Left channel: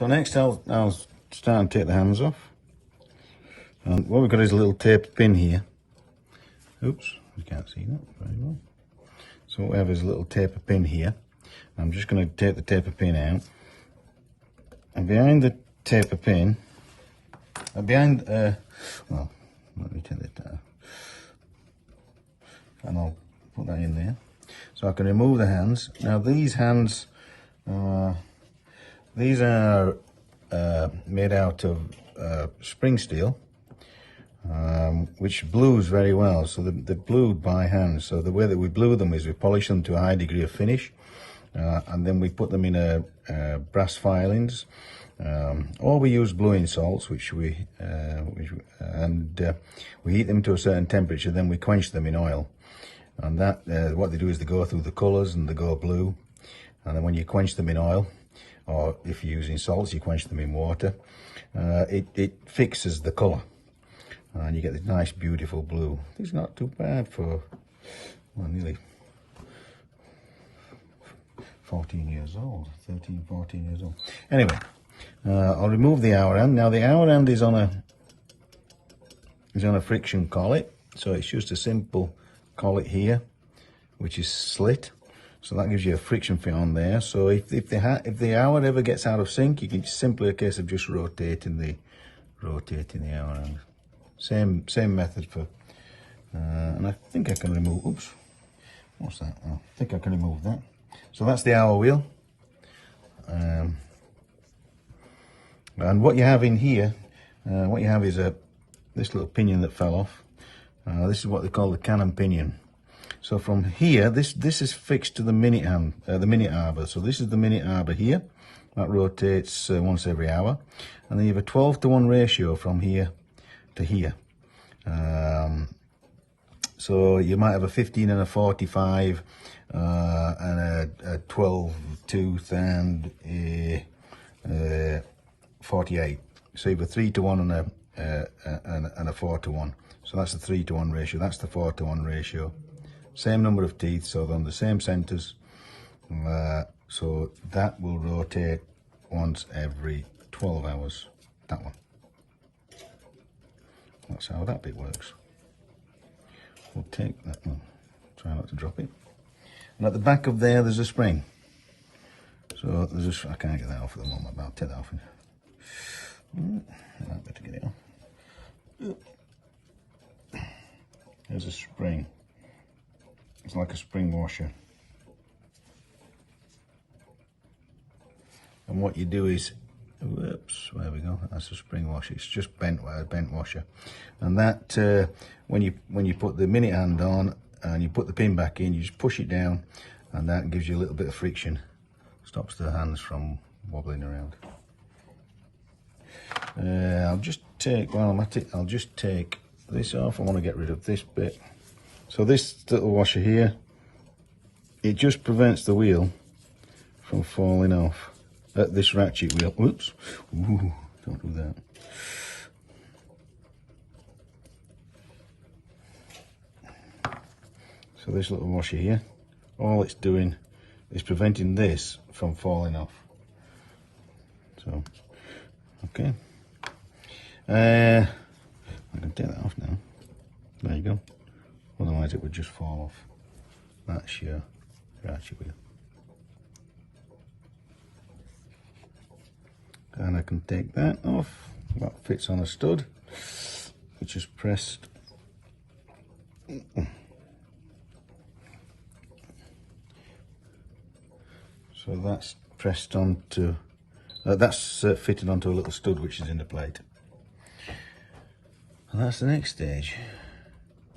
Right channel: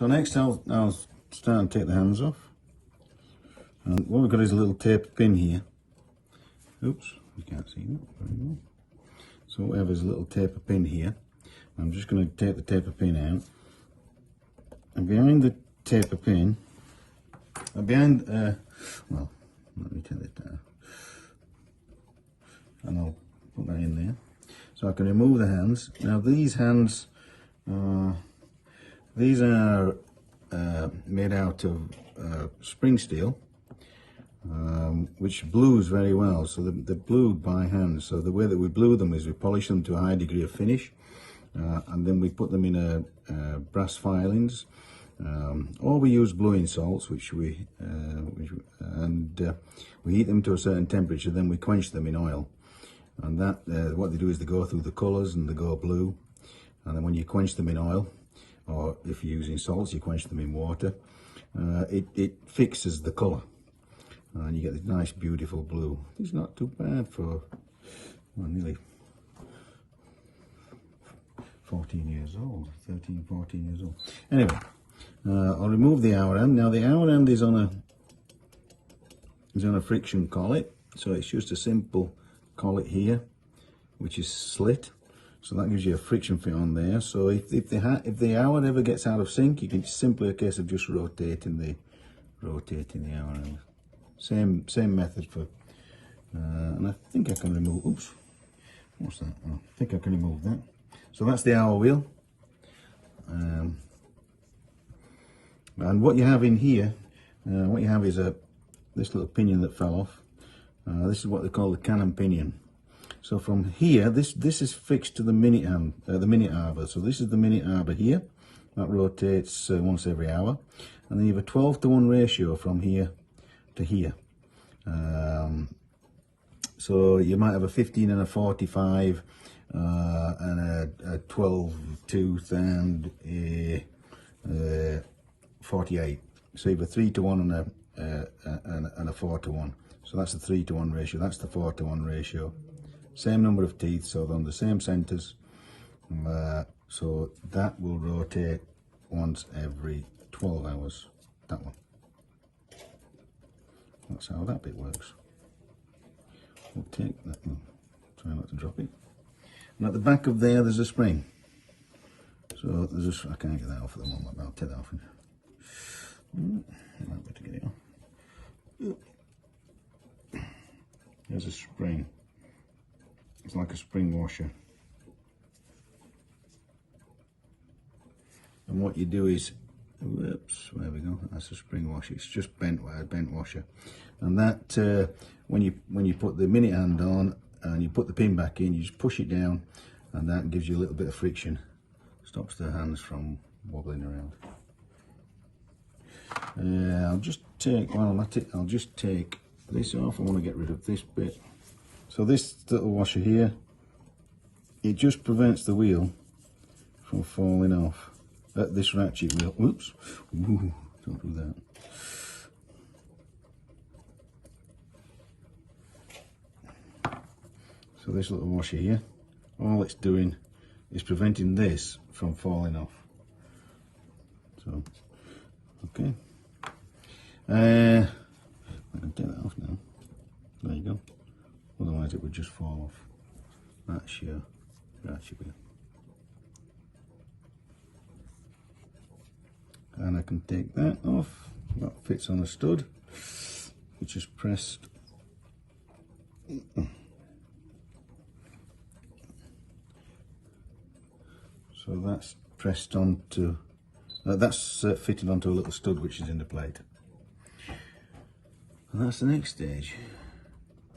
So next I'll start and take the hands off. And what we've got is a little tape pin here. Oops, you can't see that very well. So what we have is a little taper pin here. I'm just going to take the taper pin out. And behind the taper pin, well, let me take that down. And I'll put that in there. So I can remove the hands. Now these hands, these are made out of spring steel, which blues very well. So they're blued by hand. So the way that we blue them is we polish them to a high degree of finish, and then we put them in brass filings, or we use bluing salts, which we heat them to a certain temperature. Then we quench them in oil, and that what they do is they go through the colours and they go blue. And then when you quench them in oil, or if you're using salts, you quench them in water, it fixes the colour. And you get this nice beautiful blue. It's not too bad for, well, nearly 14 years old, 13, 14 years old. Anyway, I'll remove the hour hand. Now the hour hand is on a friction collet, so it's just a simple collet here, which is slit. So that gives you a friction fit on there. So if the hour ever gets out of sync, you can simply a case of just rotating the hour hand. Same method for, and I think I can remove, oops, what's that? I think I can remove that. So that's the hour wheel. And what you have in here, what you have is this little pinion that fell off. This is what they call the cannon pinion. So from here, this is fixed to the minute hand, the minute arbor. So this is the minute arbor here. That rotates once every hour. And then you have a 12-to-1 ratio from here to here. So you might have a 15 and a 45 and a 12 tooth and a 48. So you have a 3-to-1 and a 4-to-1. So that's the 3-to-1 ratio. That's the 4-to-1 ratio. Same number of teeth, so they're on the same centers. So that will rotate once every 12 hours. That one. That's how that bit works. We'll take that one. Try not to drop it. And at the back of there's a spring. So there's I can't get that off at the moment, but I'll take that off. I might better get it off. There's a spring. It's like a spring washer. And what you do is, whoops, there we go, that's a spring washer. It's just bent washer. And that, when you put the minute hand on and you put the pin back in, you just push it down, and that gives you a little bit of friction. Stops the hands from wobbling around. I'll just take this off. I want to get rid of this bit. So this little washer here, it just prevents the wheel from falling off. This ratchet wheel. Whoops. Ooh, don't do that. So this little washer here, all it's doing is preventing this from falling off. So, okay. I can take that off now. There you go. Otherwise it would just fall off. That's your ratchet wheel. And I can take that off. That fits on a stud, which is pressed. So that's pressed onto, that's fitted onto a little stud which is in the plate. And that's the next stage.